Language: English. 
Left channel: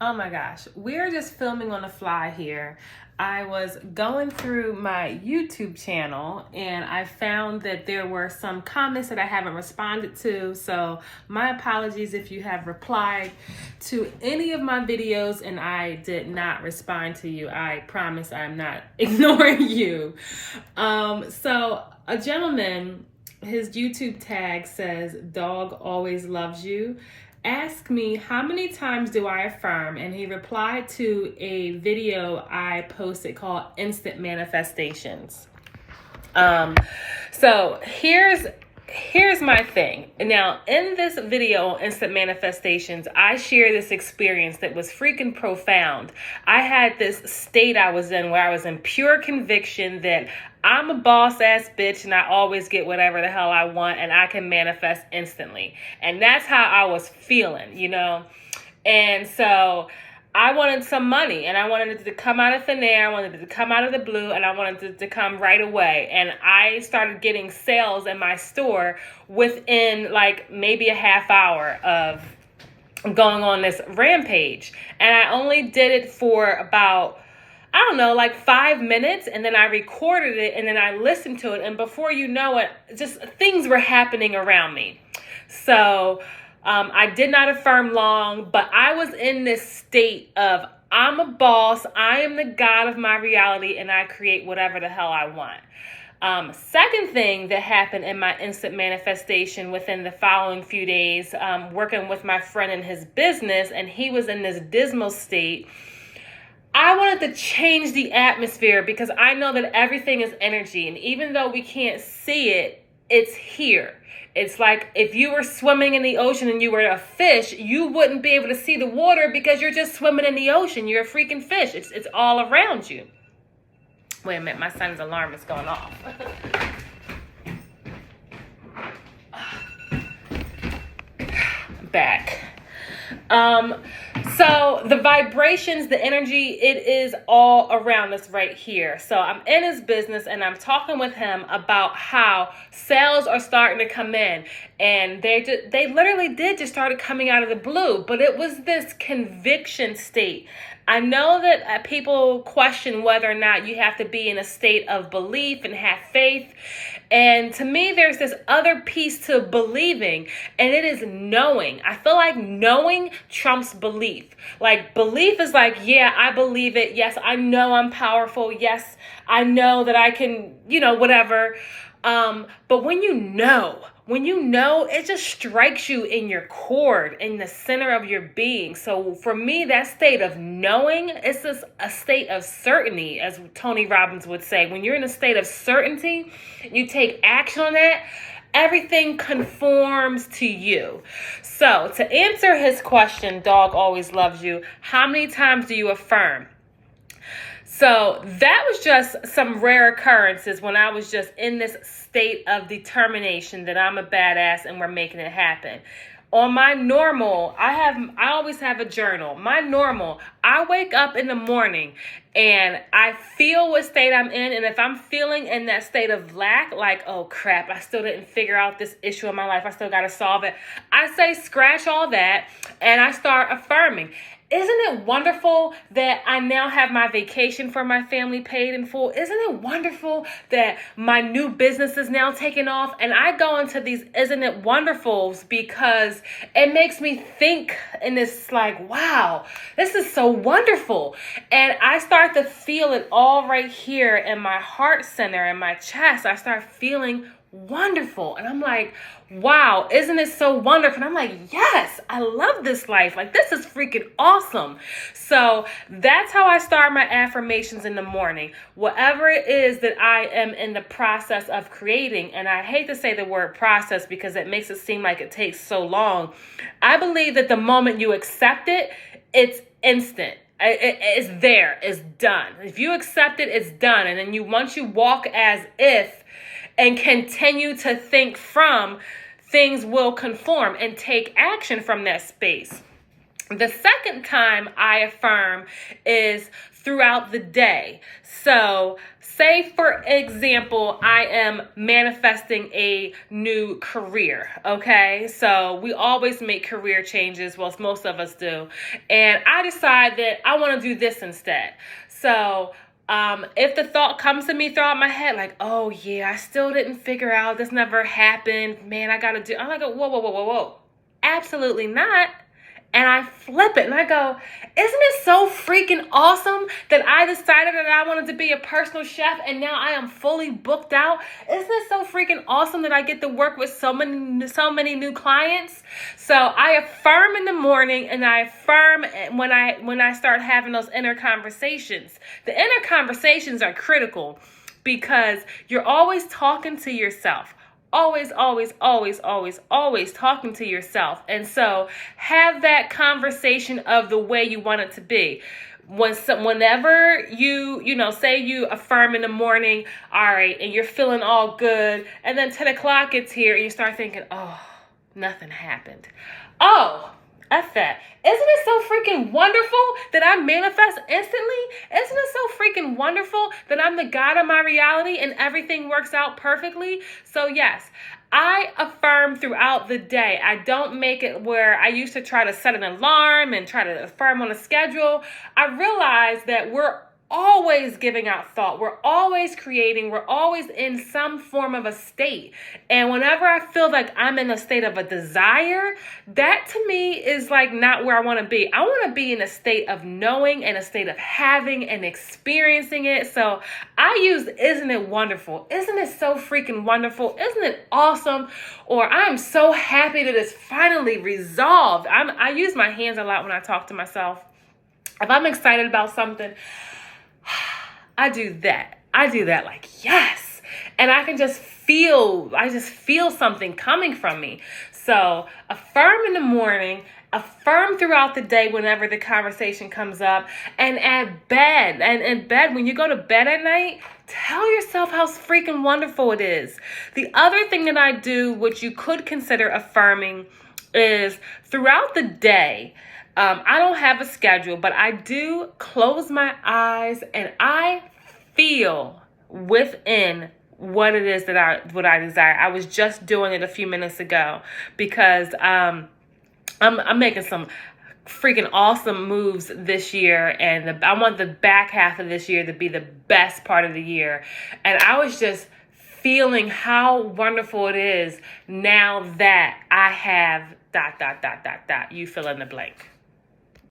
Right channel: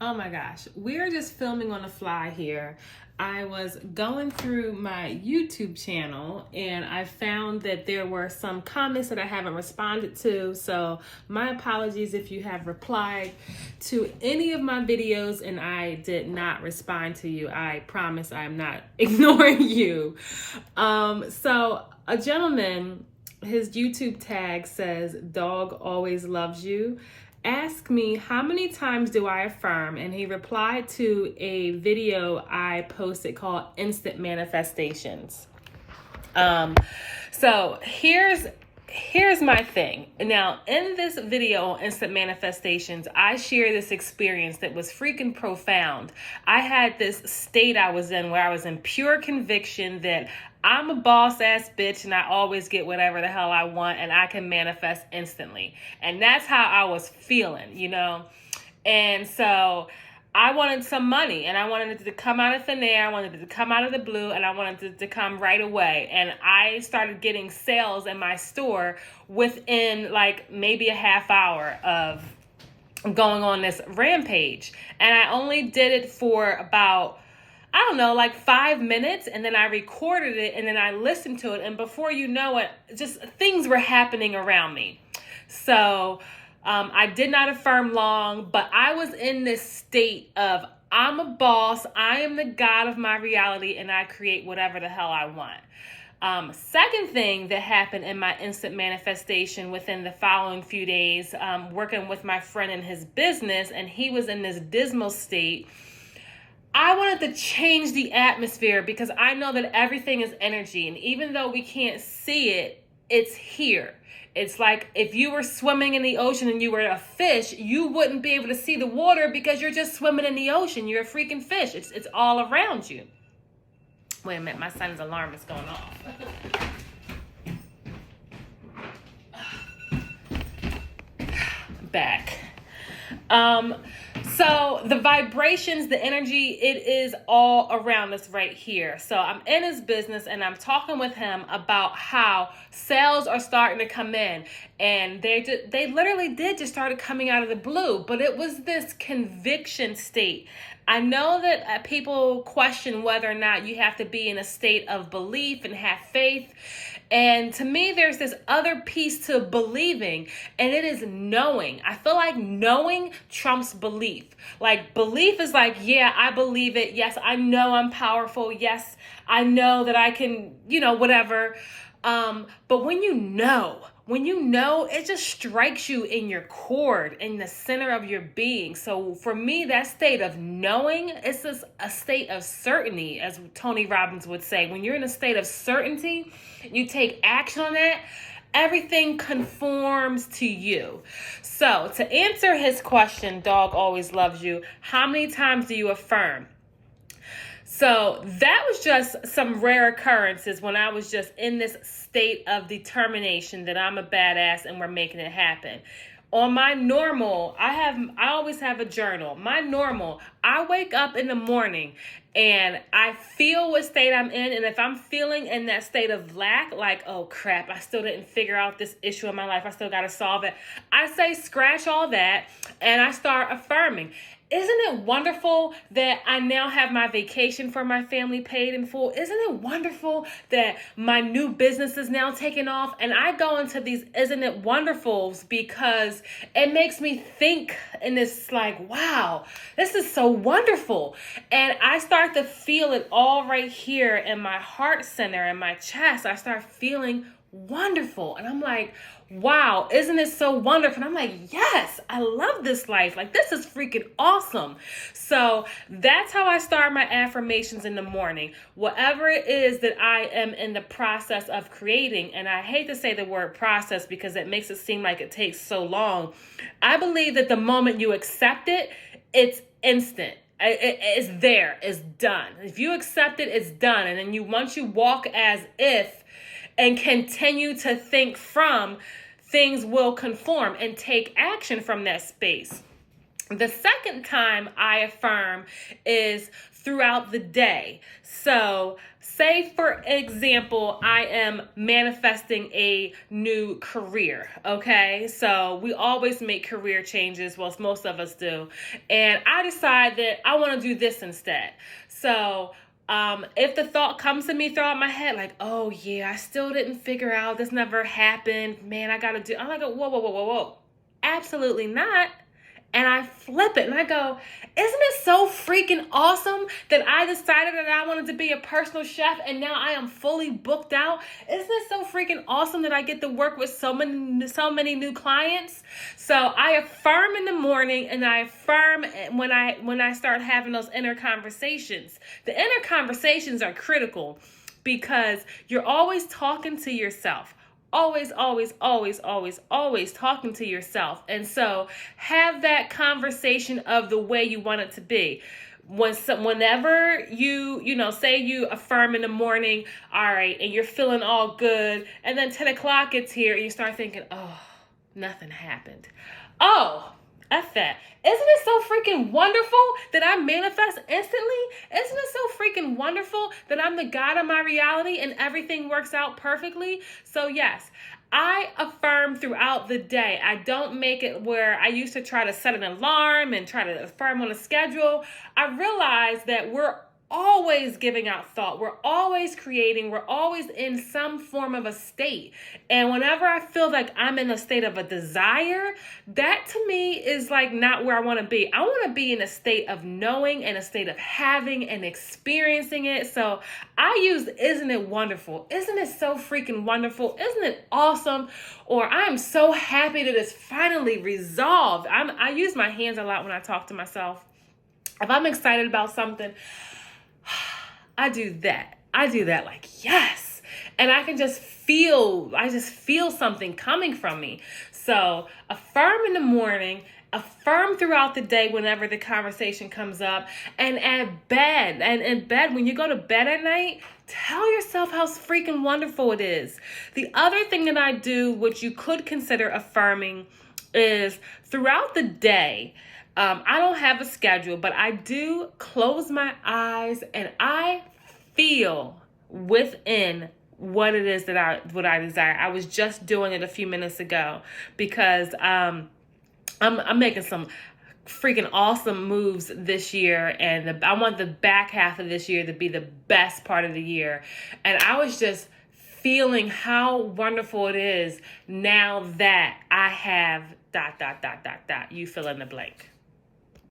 Oh my gosh, we're just filming on the fly here. I was going through my YouTube channel and I found that there were some comments that I haven't responded to. So my apologies if you have replied to any of my videos and I did not respond to you. I promise I'm not ignoring you. So a gentleman, his YouTube tag says, "Dog always loves you." Ask me how many times do I affirm, and he replied to a video I posted called Instant Manifestations. So here's my thing. Now, in this video on Instant Manifestations, I share this experience that was freaking profound. I had this state I was in where I was in pure conviction that I'm a boss ass bitch and I always get whatever the hell I want and I can manifest instantly. And that's how I was feeling, you know? And so I wanted some money and I wanted it to come out of thin air. I wanted it to come out of the blue and I wanted it to come right away. And I started getting sales in my store within like maybe a half hour of going on this rampage. And I only did it for about, I don't know, like 5 minutes, and then I recorded it and then I listened to it, and before you know it, just things were happening around me. So I did not affirm long, but I was in this state of I'm a boss, I am the god of my reality, and I create whatever the hell I want. Second thing that happened in my instant manifestation within the following few days, working with my friend in his business, and he was in this dismal state. I wanted to change the atmosphere because I know that everything is energy. And even though we can't see it, it's here. It's like if you were swimming in the ocean and you were a fish, you wouldn't be able to see the water because you're just swimming in the ocean. You're a freaking fish. It's all around you. Wait a minute, my son's alarm is going off. Back. So the vibrations, the energy, it is all around us right here. So I'm in his business and I'm talking with him about how sales are starting to come in, and they literally did just started coming out of the blue, but it was this conviction state. I know that people question whether or not you have to be in a state of belief and have faith. And to me, there's this other piece to believing, and it is knowing. I feel like knowing trumps belief. Like belief is like, yeah, I believe it. Yes, I know I'm powerful. Yes, I know that I can, whatever. But when you know, it just strikes you in your core, in the center of your being. So for me, that state of knowing, it's just a state of certainty, as Tony Robbins would say. When you're in a state of certainty, you take action on that, everything conforms to you. So to answer his question, dog always loves you, how many times do you affirm? So that was just some rare occurrences when I was just in this state of determination that I'm a badass and we're making it happen. On my normal, I always have a journal. My normal, I wake up in the morning and I feel what state I'm in. And if I'm feeling in that state of lack, like, oh crap, I still didn't figure out this issue in my life, I still got to solve it, I say scratch all that and I start affirming. Isn't it wonderful that I now have my vacation for my family paid in full? Isn't it wonderful that my new business is now taking off? And I go into these isn't it wonderfuls because it makes me think, and it's like, wow, this is so wonderful. And I start to feel it all right here in my heart center, in my chest. I start feeling wonderful. And I'm like, wow, isn't it so wonderful? And I'm like, yes, I love this life. Like, this is freaking awesome. So that's how I start my affirmations in the morning. Whatever it is that I am in the process of creating, and I hate to say the word process because it makes it seem like it takes so long. I believe that the moment you accept it, it's instant. It's there. It's done. If you accept it, it's done. And then once you walk as if, and continue to think from, things will conform and take action from that space. The second time I affirm is throughout the day. So say, for example, I am manifesting a new career, okay? So we always make career changes, well, most of us do. And I decide that I want to do this instead. So if the thought comes to me throughout my head, like, oh yeah, I still didn't figure out, this never happened, man, I'm like, whoa. Absolutely not. And I flip it and I go, isn't it so freaking awesome that I decided that I wanted to be a personal chef and now I am fully booked out? Isn't it so freaking awesome that I get to work with so many new clients? So I affirm in the morning, and I affirm when I start having those inner conversations. The inner conversations are critical because you're always talking to yourself. Always talking to yourself. And so have that conversation of the way you want it to be. Whenever you say you affirm in the morning, all right, and you're feeling all good, and then 10 o'clock gets here and you start thinking, oh, nothing happened. Oh, F that. Isn't it so freaking wonderful that I manifest instantly? Isn't it so freaking wonderful that I'm the God of my reality and everything works out perfectly? So yes, I affirm throughout the day. I don't make it where I used to try to set an alarm and try to affirm on a schedule. I realize that we're always giving out thought. We're always creating. We're always in some form of a state. And whenever I feel like I'm in a state of a desire, that to me is like not where I want to be. I want to be in a state of knowing and a state of having and experiencing it. So I use, isn't it wonderful? Isn't it so freaking wonderful? Isn't it awesome? Or I'm so happy that it's finally resolved. I use my hands a lot when I talk to myself. If I'm excited about something, I do that like, yes. And I just feel something coming from me. So affirm in the morning, affirm throughout the day whenever the conversation comes up, and at bed, when you go to bed at night, tell yourself how freaking wonderful it is. The other thing that I do, which you could consider affirming, is throughout the day, I don't have a schedule, but I do close my eyes and I feel within what it is that what I desire. I was just doing it a few minutes ago because I'm making some freaking awesome moves this year, and I want the back half of this year to be the best part of the year. And I was just feeling how wonderful it is now that I have ... You fill in the blank.